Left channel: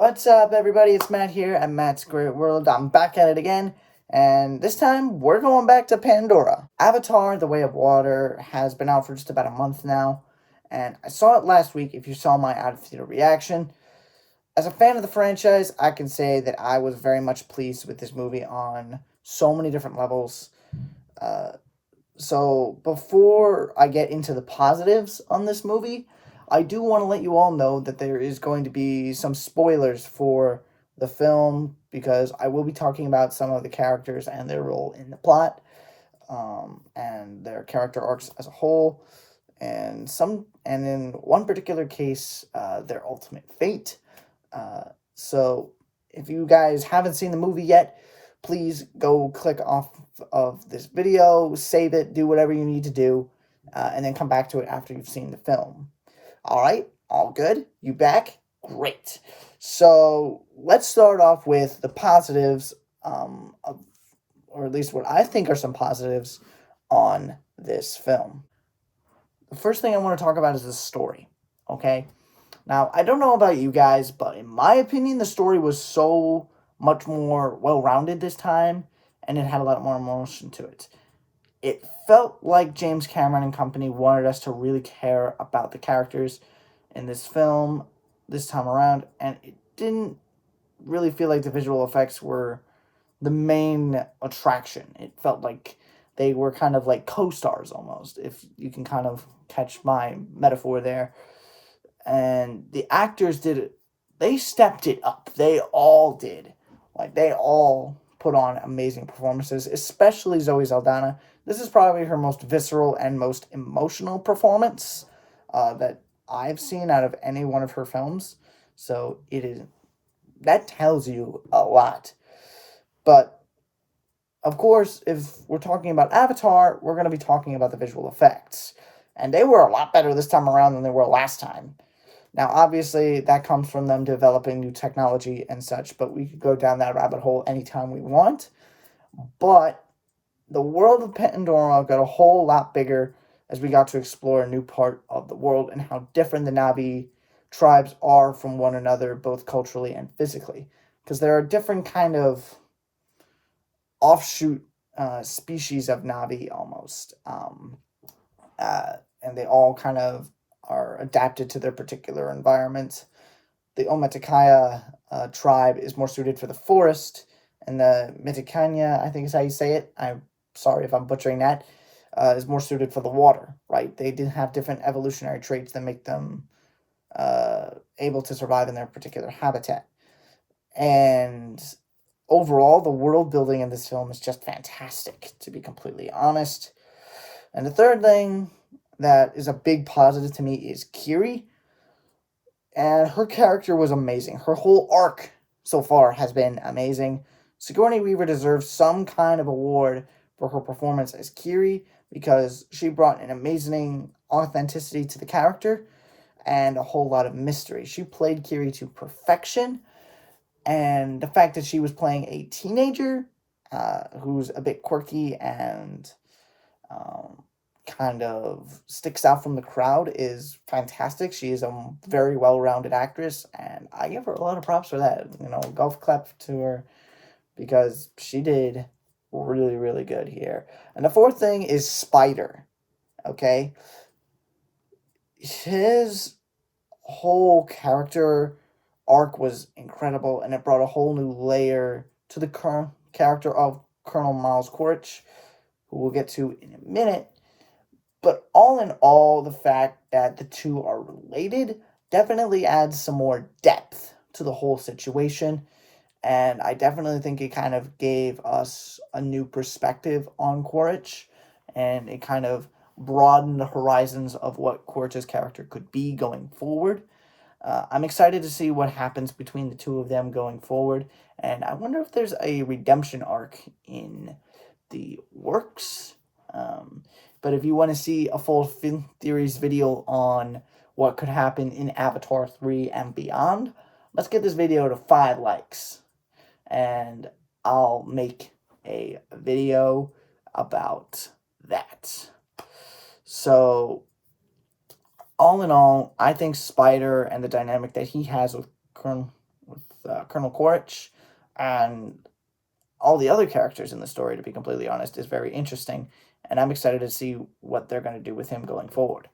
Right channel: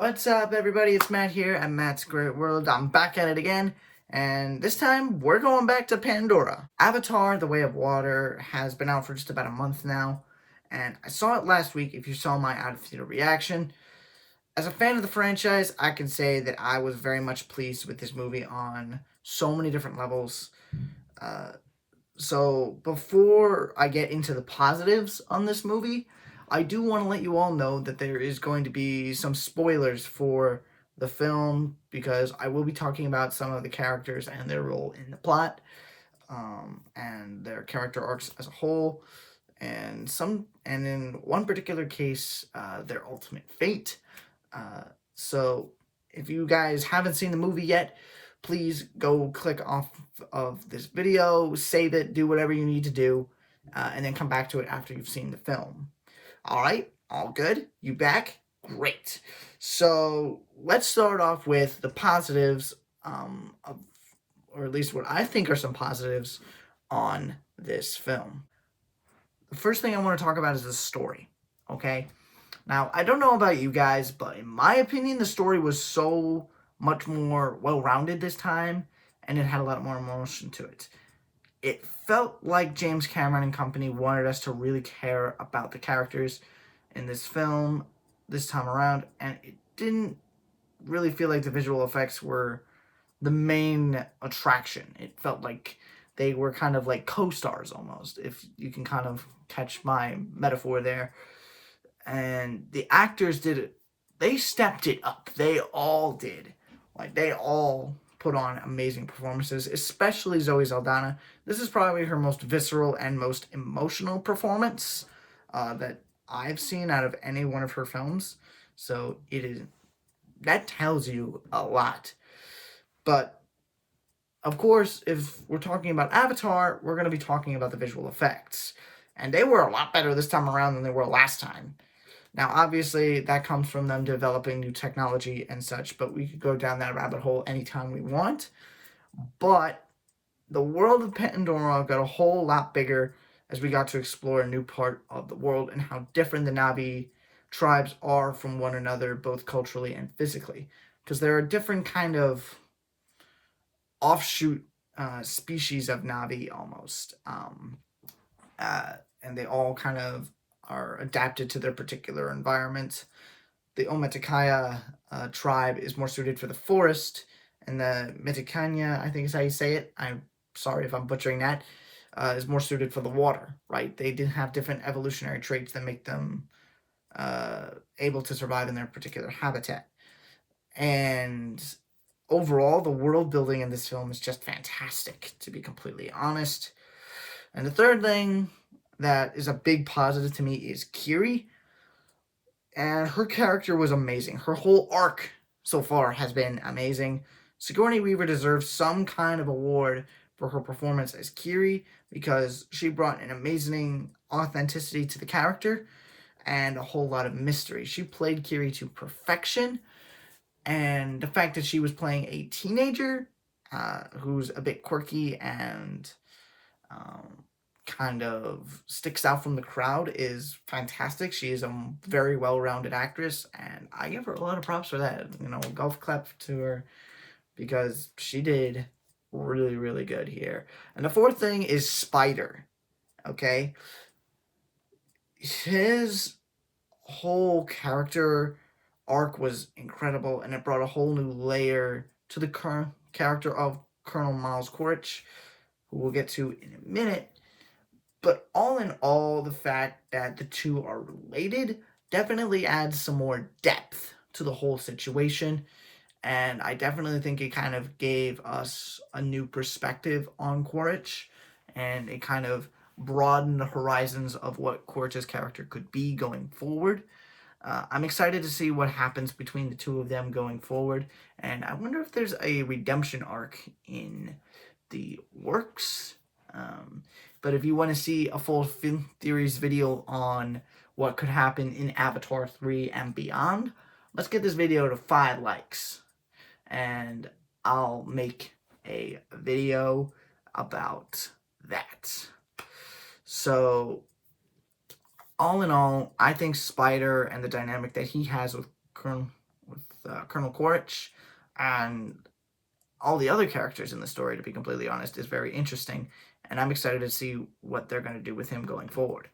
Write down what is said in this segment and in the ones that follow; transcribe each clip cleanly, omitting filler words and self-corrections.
What's up, everybody? It's Matt here at Matt's Great World. I'm back at it again, and this time we're going back to Pandora. Avatar: The Way of Water has been out for just about a month now, and I saw it last week. If you saw my out of theater reaction, as a fan of the franchise, I can say that I was very much pleased with this movie on so many different levels. Uh, so before I get into the positives on this movie, I do want to let you all know that there is going to be some spoilers for the film because I will be talking about some of the characters and their role in the plot, and their character arcs as a whole, and in one particular case, their ultimate fate. So if you guys haven't seen the movie yet, please go click off of this video, save it, do whatever you need to do, and then come back to it after you've seen the film. All right, all good? You back? Great. So let's start off with the positives, or at least what I think are some positives on this film. The first thing I want to talk about is the story, okay? Now, I don't know about you guys, but in my opinion, the story was so much more well-rounded this time, and it had a lot more emotion to it. It felt like James Cameron and company wanted us to really care about the characters in this film this time around, and it didn't really feel like the visual effects were the main attraction. It felt like they were kind of like co-stars almost, if you can kind of catch my metaphor there. And the actors did it. They stepped it up. They all did. Like, they all put on amazing performances, especially Zoe Saldana. This is probably her most visceral and most emotional performance that I've seen out of any one of her films. So that tells you a lot. But of course, if we're talking about Avatar, we're going to be talking about the visual effects. And they were a lot better this time around than they were last time. Now, obviously, that comes from them developing new technology and such, but we could go down that rabbit hole anytime we want. But the world of Pandora got a whole lot bigger as we got to explore a new part of the world and how different the Na'vi tribes are from one another, both culturally and physically. Because there are different kind of offshoot species of Na'vi almost. And they all kind of are adapted to their particular environment. The Ometikaya tribe is more suited for the forest, and the Mitikanya, I think is how you say it. I'm sorry if I'm butchering that. Is more suited for the water, right? They did have different evolutionary traits that make them able to survive in their particular habitat. And overall, the world building in this film is just fantastic, to be completely honest. And the third thing that is a big positive to me is Kiri. And her character was amazing. Her whole arc so far has been amazing. Sigourney Weaver deserves some kind of award for her performance as Kiri because she brought an amazing authenticity to the character and a whole lot of mystery. She played Kiri to perfection, and the fact that she was playing a teenager who's a bit quirky and kind of sticks out from the crowd is fantastic. She is a very well-rounded actress, and I give her a lot of props for that. Golf clap to her because she did really, really good here. And the fourth thing is Spider, okay? His whole character arc was incredible, and it brought a whole new layer to the current character of Colonel Miles Quaritch, who we'll get to in a minute. But all in all, the fact that the two are related definitely adds some more depth to the whole situation. And I definitely think it kind of gave us a new perspective on Quaritch. And it kind of broadened the horizons of what Quaritch's character could be going forward. I'm excited to see what happens between the two of them going forward. And I wonder if there's a redemption arc in the works. But if you want to see a full film theories video on what could happen in Avatar 3 and beyond, let's get this video to 5 likes. And I'll make a video about that. So, all in all, I think Spider and the dynamic that he has with Colonel Quaritch and all the other characters in the story, to be completely honest, is very interesting. And I'm excited to see what they're going to do with him going forward.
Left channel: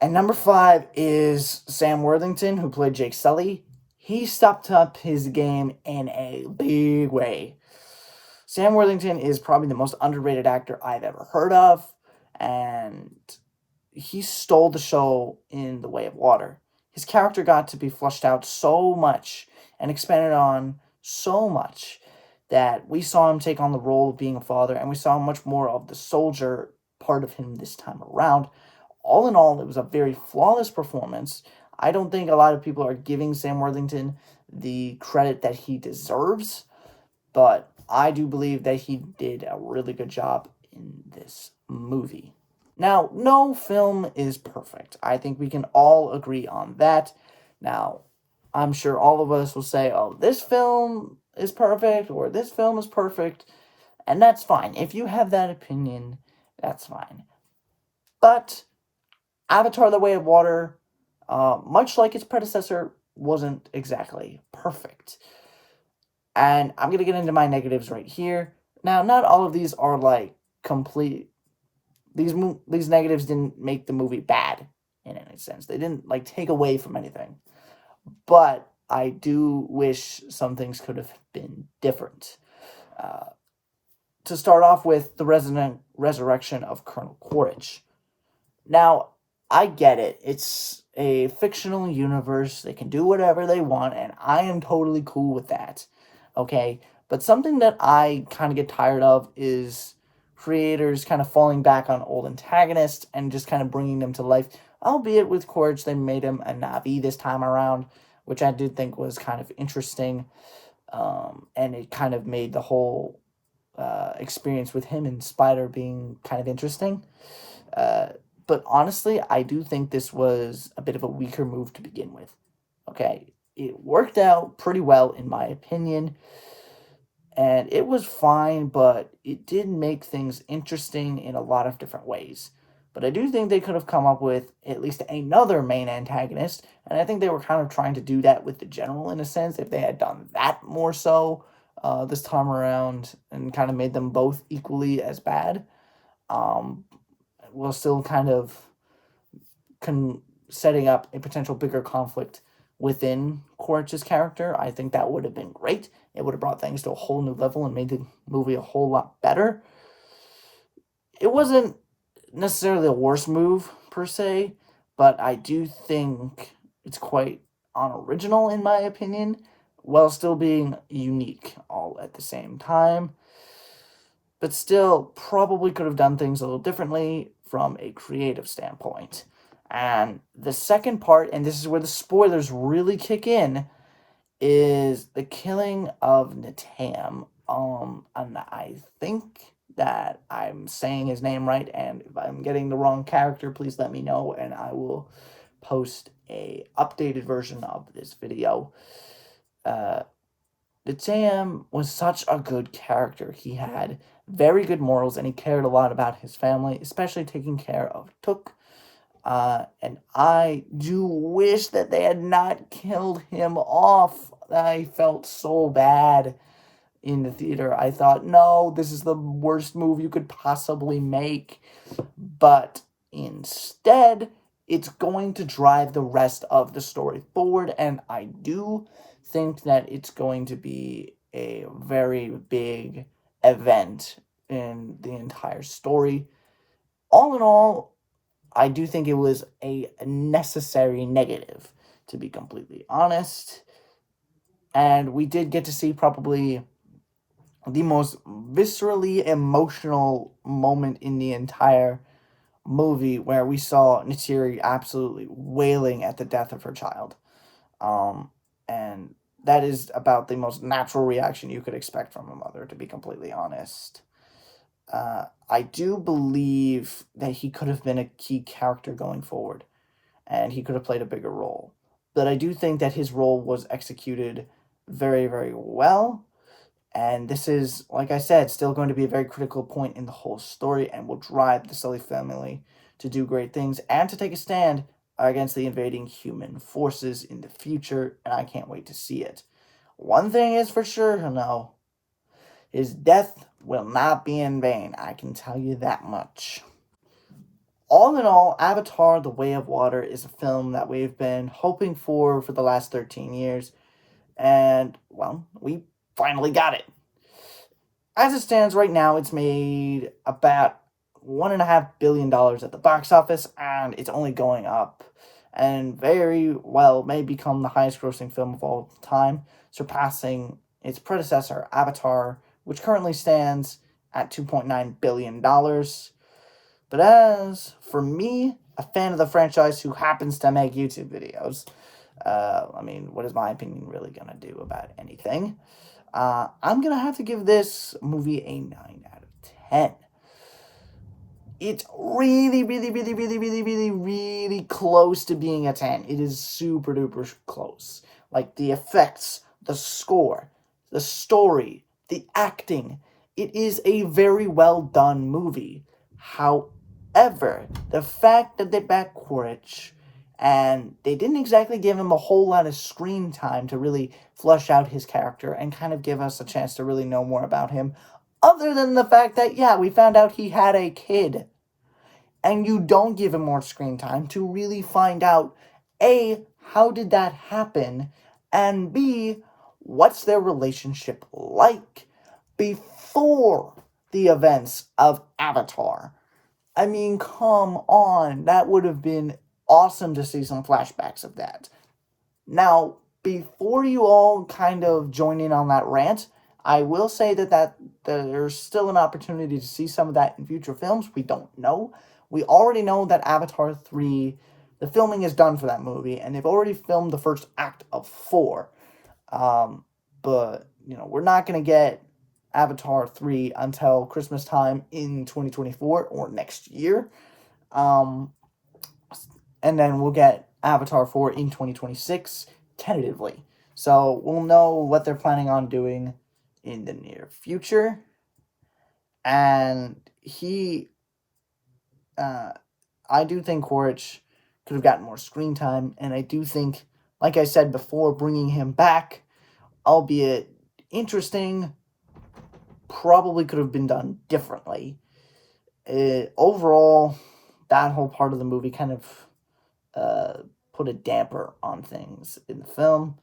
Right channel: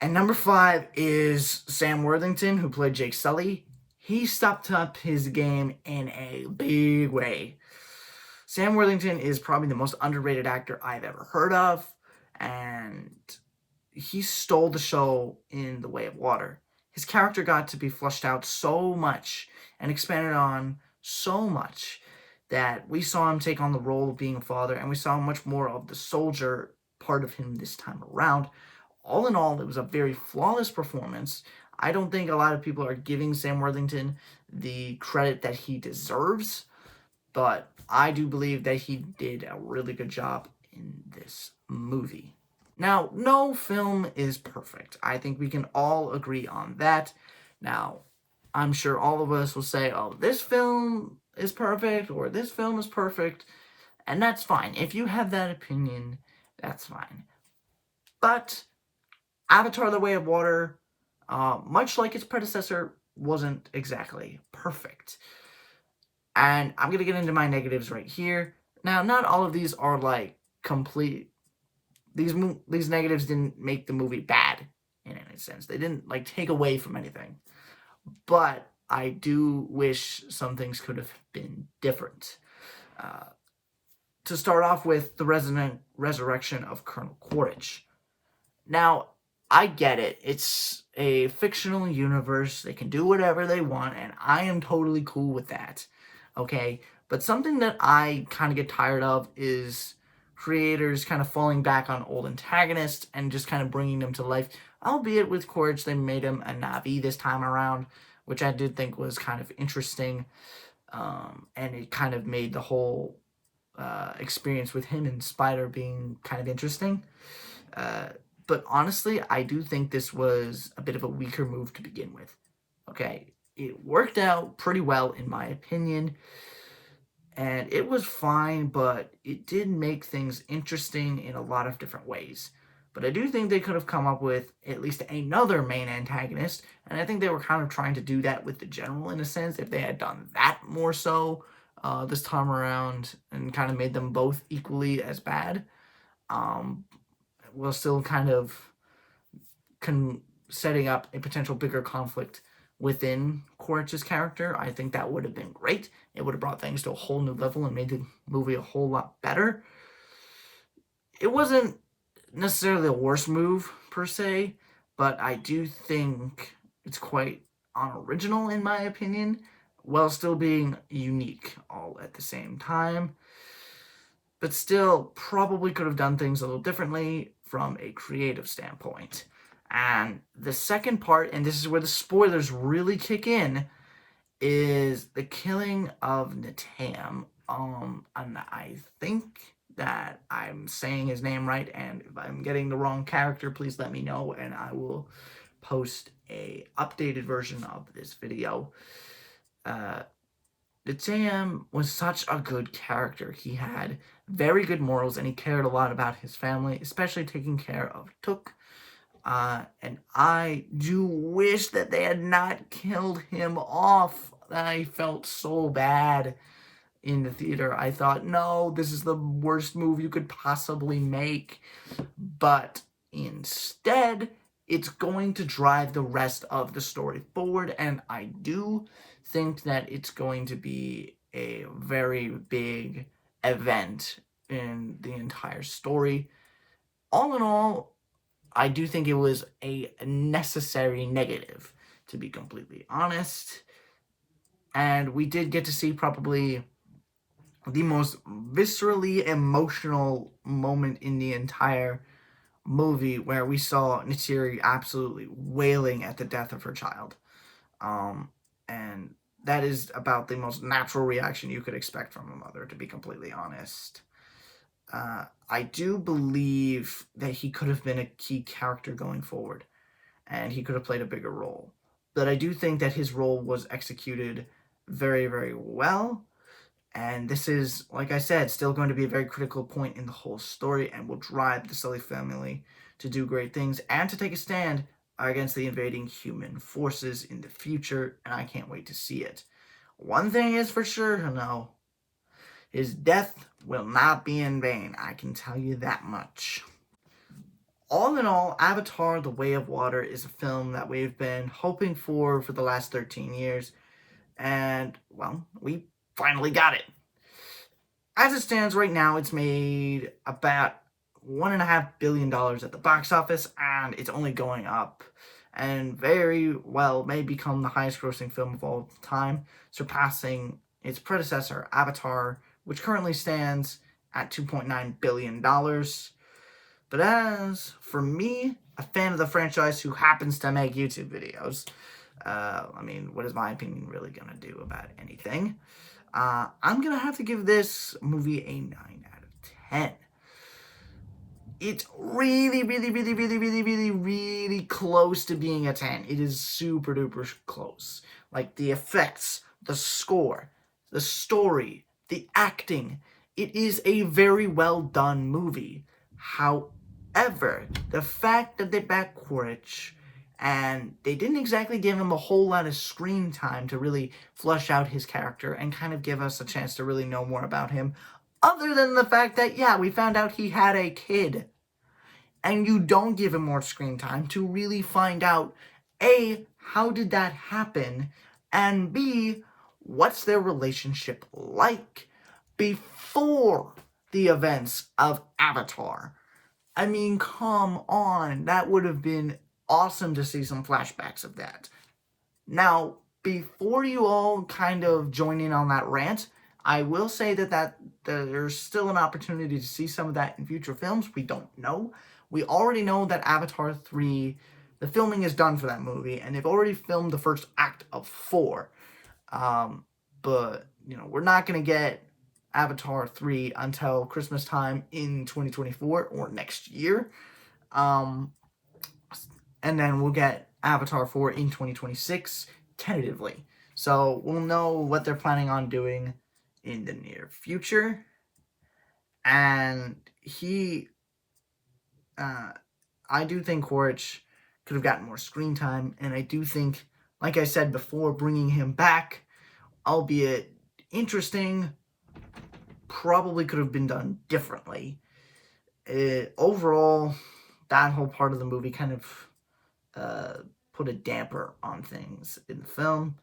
And number 5 is Sam Worthington, who played Jake Sully. He stepped up his game in a big way. Sam Worthington is probably the most underrated actor I've ever heard of, and he stole the show in The Way of Water. His character got to be fleshed out so much and expanded on so much that we saw him take on the role of being a father, and we saw much more of the soldier part of him this time around. All in all, it was a very flawless performance. I don't think a lot of people are giving Sam Worthington the credit that he deserves, but I do believe that he did a really good job in this movie. Now, no film is perfect. I think we can all agree on that. Now, I'm sure all of us will say, oh, this film is perfect, or this film is perfect, and that's fine. If you have that opinion, that's fine. But Avatar: The Way of Water, much like its predecessor, wasn't exactly perfect. And I'm going to get into my negatives right here. Now, not all of these are like complete. These negatives didn't make the movie bad in any sense. They didn't like take away from anything. But I do wish some things could have been different. To start off with, the resurrection of Colonel Quaritch. Now, I get it. It's a fictional universe. They can do whatever they want, and I am totally cool with that. Okay? But something that I kind of get tired of is creators kind of falling back on old antagonists and just kind of bringing them to life. Albeit with Quaritch, they made him a Na'vi this time around, which I did think was kind of interesting. And it kind of made the whole experience with him and Spider being kind of interesting. But honestly, I do think this was a bit of a weaker move to begin with. Okay, it worked out pretty well in my opinion, and it was fine, but it did make things interesting in a lot of different ways. But I do think they could have come up with at least another main antagonist, and I think they were kind of trying to do that with the General in a sense, if they had done that more so this time around and kind of made them both equally as bad. While still kind of setting up a potential bigger conflict within Quaritch's character. I think that would have been great. It would have brought things to a whole new level and made the movie a whole lot better. It wasn't necessarily a worst move, per se, but I do think it's quite unoriginal, in my opinion, while still being unique all at the same time. But still, probably could have done things a little differently from a creative standpoint. And the second part, and this is where the spoilers really kick in, is the killing of Natam. And I think that I'm saying his name right, and if I'm getting the wrong character, please let me know, and I will post a updated version of this video. Natam was such a good character. He had very good morals, and he cared a lot about his family, especially taking care of Took. And I do wish that they had not killed him off. I felt so bad in the theater. I thought, no, this is the worst move you could possibly make. But instead, it's going to drive the rest of the story forward, and I do think that it's going to be a very big event in the entire story. All in all, I do think it was a necessary negative, to be completely honest. And we did get to see probably the most viscerally emotional moment in the entire movie, where we saw Neytiri absolutely wailing at the death of her child. And that is about the most natural reaction you could expect from a mother, to be completely honest. I do believe that he could have been a key character going forward, and he could have played a bigger role. But I do think that his role was executed very, very well. And this is, like I said, still going to be a very critical point in the whole story, and will drive the Sully family to do great things and to take a stand against the invading human forces in the future, and I can't wait to see it. One thing is for sure to know, his death will not be in vain, I can tell you that much. All in all, Avatar: The Way of Water is a film that we've been hoping for the last 13 years, and, well, we finally got it. As it stands right now, it's made about $1.5 billion at the box office, and it's only going up, and very well may become the highest grossing film of all time, surpassing its predecessor, Avatar, which currently stands at $2.9 billion. But as for me, a fan of the franchise who happens to make YouTube videos, what is my opinion really going to do about anything? I'm going to have to give this movie a 9 out of 10. It's really, really, really, really, really, really, really close to being a 10. It is super duper close. Like, the effects, the score, the story, the acting. It is a very well done movie. However, the fact that they backed Quaritch, and they didn't exactly give him a whole lot of screen time to really flesh out his character and kind of give us a chance to really know more about him, other than the fact that, yeah, we found out he had a kid. And you don't give him more screen time to really find out, A, how did that happen? And B, what's their relationship like before the events of Avatar? I mean, come on. That would have been awesome to see some flashbacks of that. Now, before you all kind of join in on that rant, I will say that there's still an opportunity to see some of that in future films. We don't know. We already know that Avatar 3, the filming is done for that movie, and they've already filmed the first act of 4. But, we're not going to get Avatar 3 until Christmas time in 2024 or next year. And then we'll get Avatar 4 in 2026, tentatively. So we'll know what they're planning on doing in the near future. And I do think Quaritch could have gotten more screen time, and I do think, like I said before, bringing him back, albeit interesting, probably could have been done differently. Overall, that whole part of the movie kind of put a damper on things in the film.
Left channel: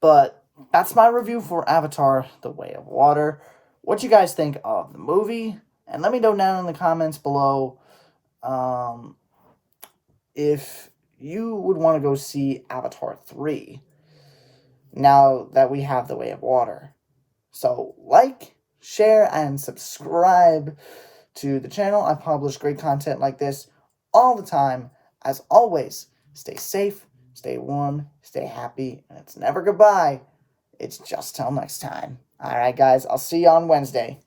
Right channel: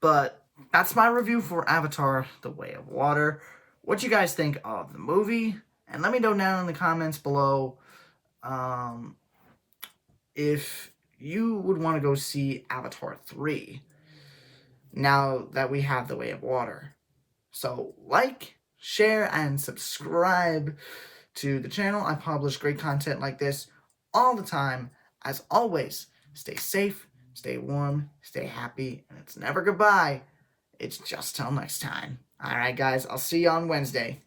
But that's my review for Avatar: The Way of Water. What you guys think of the movie? And let me know down in the comments below if you would want to go see Avatar 3 now that we have The Way of Water. So like, share, and subscribe to the channel. I publish great content like this all the time. As always, stay safe, stay warm, stay happy, and it's never goodbye. It's just till next time. All right, guys, I'll see you on Wednesday.